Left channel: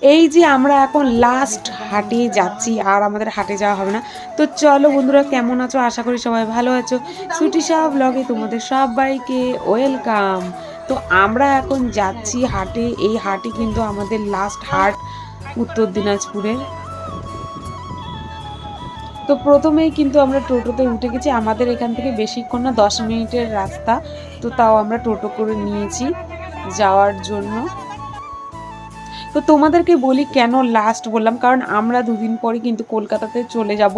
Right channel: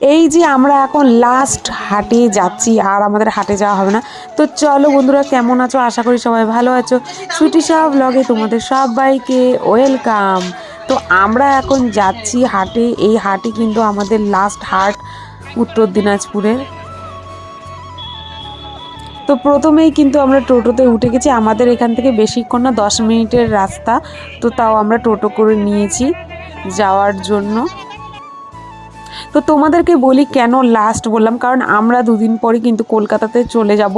এই যে আমরা এখন লাস্ট হাটে যাচ্ছি, আর আমাদের হাটে যাওয়া হবে না। তো চলো বন্ধুরা, কেমন আছো? আশা করি সবাই ভালো আছো। সুটি সাহা ব্লগে তোমাদের সবাইকে ওয়েলকাম। তো আমরা এখন যাচ্ছি হাটে। এই হাটে কিন্তু আমাদের লাস্ট হাট উত্তর দিনাজপুরের। তো প্রথমেই কিন্তু আমরা টোটোতে উঠে গেছি। আমাদের এখান থেকে বেশিক্ষণ না, 10 মিনিটের রাস্তা। তো তাও আমরা টোটো করে নিয়েছি যাওয়ার জন্য। তো তোমাদেরকে বলি কেন লাস্ট বললাম, কারণ আমরা দুদিন পরে কিন্তু কলকাতাতে চলে যাব,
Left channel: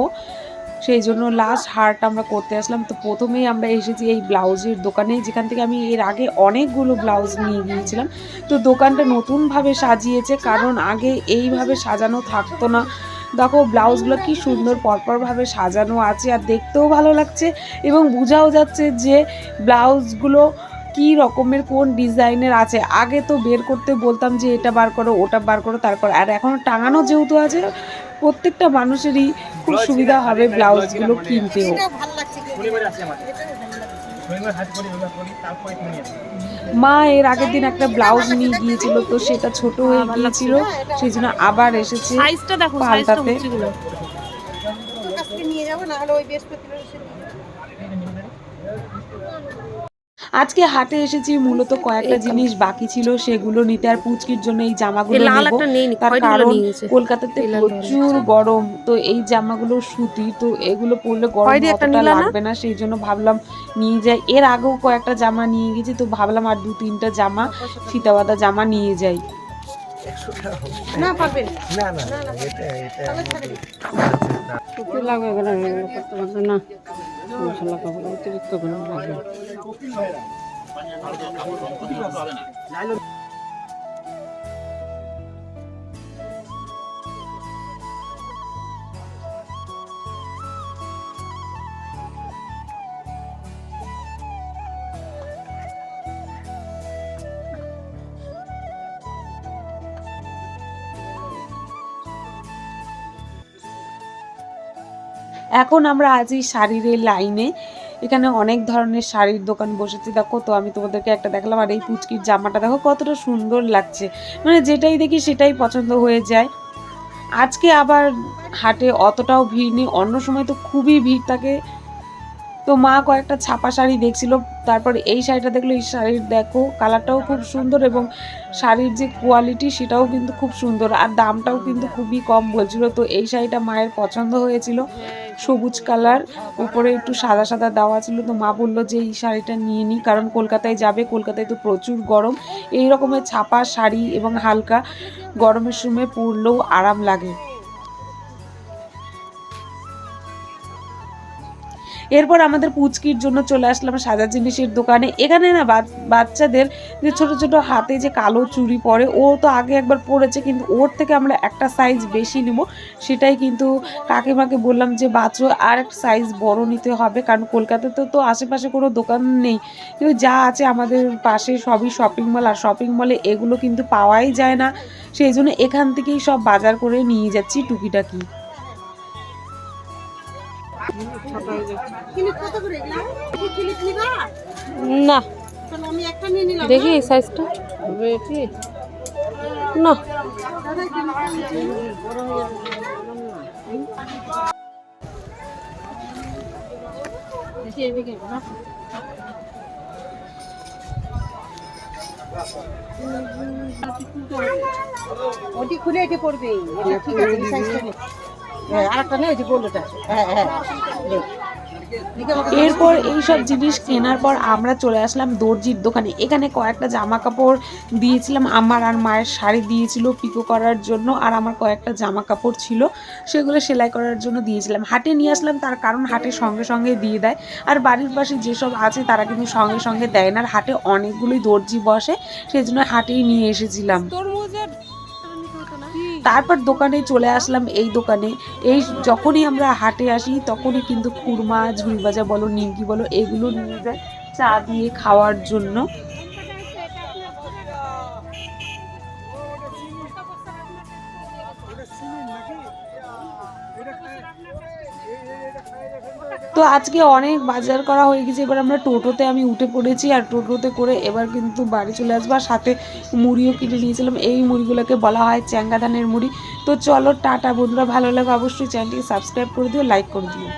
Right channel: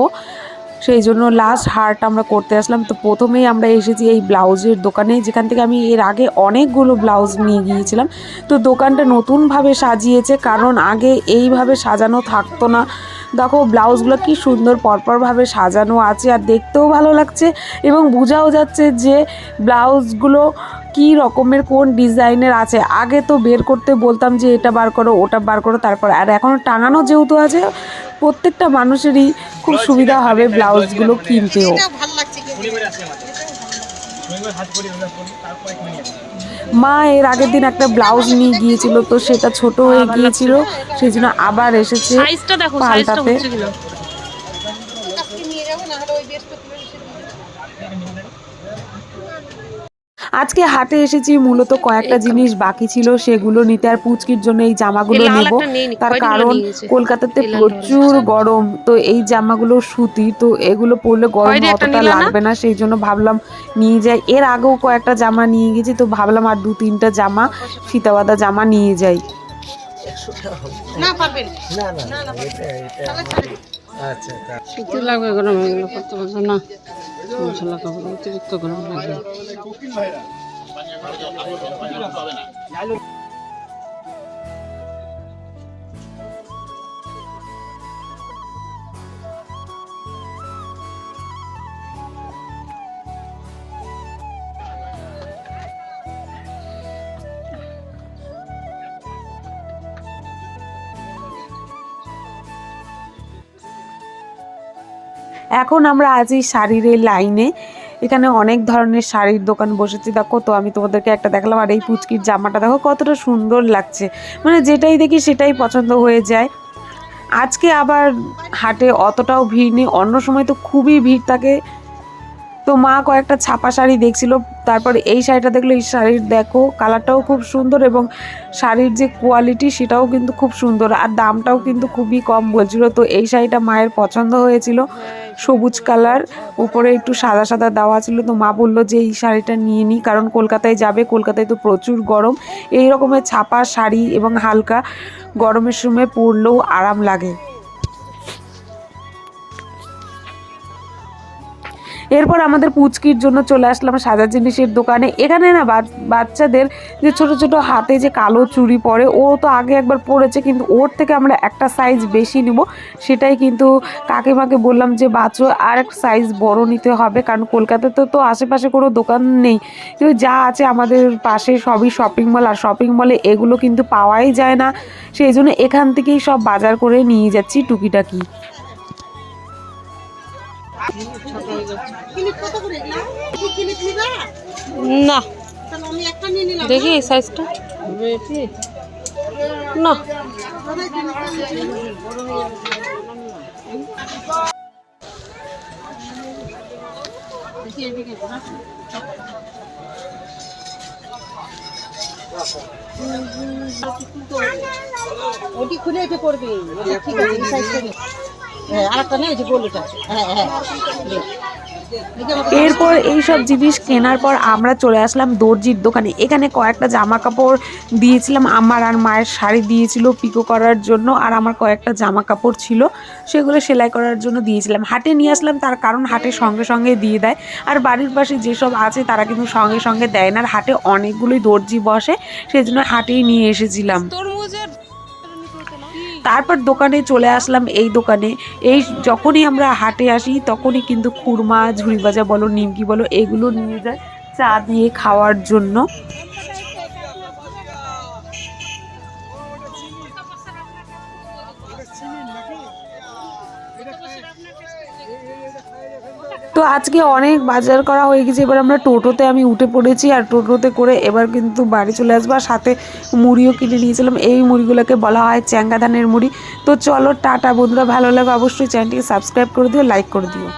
সেই জন্য লাস্ট হাট আমরা করতে আসলাম। তো প্রথমেই আমরা এসেছি এই ব্লাউজের দোকানে, যেখান থেকে আমি এর আগে অনেকগুলো ব্লাউজ নিয়ে গিয়েছিলাম। তো দোকানটা নতুনভাবে সাজিয়েছে, কারণ আগে এইভাবে সাজানো থাকতো না। দেখো ব্লাউজগুলো কি সুন্দর পরপরভাবে সাজানো আছে, আর দেখতেও ভালো লাগছে এবং বোঝাও যাচ্ছে যে ব্লাউজগুলো কি রকমের কোন ডিজাইনের আছে। আগে তো বের করতে বলতাম যে এটা বার করো, ওটা বার করো, তারপর আর এখন টাঙানো যেহেতু আছে, প্রত্যেকটা মানুষেরই খুব সুবিধা হবে ব্লাউজগুলো কিনতেও। মা এর আগের দিন একটা ব্লাউজ নিয়ে গিয়েছিল, তো সেটা ছোট হয়ে গিয়েছিল, সেই জন্য আবার এসেছে পাল্টাতে। আজকে হাটে এসেছি মূলত কয়েকটা জিনিস বাকি ছিল সেগুলো নিতে, আর পুচকির জন্য এই জামাগুলো নেব। তার কারণ কলকাতাতে প্রচুর গরম, তো এই জামাগুলো সুতি, তো এগুলো পরলে গরম অতটা লাগবে না, সেই জন্য ভাবলাম নিয়ে যাই। এর আগেও কয়েকটা জামা নিয়ে গেছি, তো ভাবলাম আর 2-3টা জামা ফিতাবাদা জামা নিয়ে যাই। সুতি লাগবে, গরম এগুলো করতে পারবো না, ঝোলা কাপড় অতিরিক্ত গরম লাগবে। এখন আমরা আছি শাড়ির এই লাইনে। এখানে অনেক ধরনের শাড়ির দোকান বসেছে, দেখো। তো আমি তোমাদেরকে একটা দেখালাম, আর এই পুচকির জামাটা দেখো কতটা সুন্দর লাগছে, মানে যেটাই দেখি সেটাই পছন্দ হয়ে যায়। আজকে আবার হাটে অতটাও ভিড় নেই, অন্য সময় তো খুবই ভিড় থাকে। তো মা কয়েকটা ছাপা শাড়ি দেখছিল, তারপর এই শাড়িটা দেখলো। এই শাড়ির দেখো কালারটাও খুব সুন্দর এবং শাড়ির যে কোয়ালিটি সেটাও কিন্তু খুব সুন্দর, আর দামটাও কিন্তু খুবই কম বলছিল। তো এই শাড়িটা মায়ের পছন্দ হয়েছিল, সবুজ কালার, উপরে একটু সাদা সাদা দেওয়া ছিল। তো মা বললো যে এই শাড়িটা নিয়ে নিই, কারণ কলকাতায় যাবে, কলকাতায় তো প্রচুর গরম। এই রকমের ছাপা শাড়ি এবং হালকা গরমের সময় পরলেও আরাম লাগে। এরপর আমাদের পুচকির জন্য চলে আসলাম সাজার জিনিসের দোকানে। এখানে না বাচ্চাদের যে ছোট ছোট হাতে যে কালো চুড়ি পরে, ও তো আগে একবার পরেছে, কিন্তু ওর থেকে আমরা একটা সাইজ বেশি নিব। সেটাই কিন্তু কাকিমাকে বললাম যে বাচ্চা আর এক সাইজ বড় নিতে হবে, কারণ কলকাতাতে তো আশেপাশে কোনো দোকান নেই, কিন্তু যা আছে আমাদের পাশে সবই শপিং মল, আর শপিং মলে এগুলো কিন্তু পাওয়াই যায় না, সেই জন্য এখান থেকেই সব বাজার করে নিয়ে যাচ্ছি টুকিটাকি। না দেখি এই সাইজটা না, ওটি খুলে এটি পড়বে, ঠিক আছে এই সাইজটা নে। হ্যাঁ আরেকটা নেই, ওই যে গোলটা। হ্যাঁ হ্যাঁ এরপর এইসব জিনিস কেনার পর আমরা চলে আসলাম দর্জির দোকানে। এখানে কয়েকটা জামা কাপড় দিয়েছিলাম, আমার আর মায়ের শাড়ি দিয়েছিল পিকো করার জন্য, আর আমার কয়েকটা জামা কাপড় ছিল সেগুলো সেলাই করার জন্য দিয়েছিলাম। হাটে নিয়ে আসলাম, তার কারণ হাটে সঙ্গে সঙ্গে দিয়ে দেয়, আর বাড়ির পাশে যেসব আছে তারা কিন্তু সঙ্গে সঙ্গে দেয় না, আর হাটে অনেকগুলোই দর্জি বসে, সেই জন্য হাটেই নিয়ে এসেছিলাম। তারপর দোকানে চলে আসলাম এই দোকানে। এই যখনই আমরা হাটে আসি তখনই কিন্তু খুরমা, ঝুড়ি ভাজা বলো, নিমকি বলো, এগুলো নিয়ে যায় চা দিয়ে খাওয়ার জন্য। তো আজকে অনেক বাজার করা হয়ে গেছে, এবার আমরা টোটোতে আমি উঠে পড়েছি, আর টোটোতে করে এবার কিন্তু বাড়ি চলে আসবো। আর সাথে মুড়িও কিনে নিয়েছিলাম, এই মুড়িগুলোকে বলা হয় চ্যাঙ্গা ধানের মুড়ি। তো চলো টাটা বন্ধুরা, ভালো লাগে অবশ্যই চ্যানেলটিকে সাবস্ক্রাইব করে দিও, লাইক করে দিও।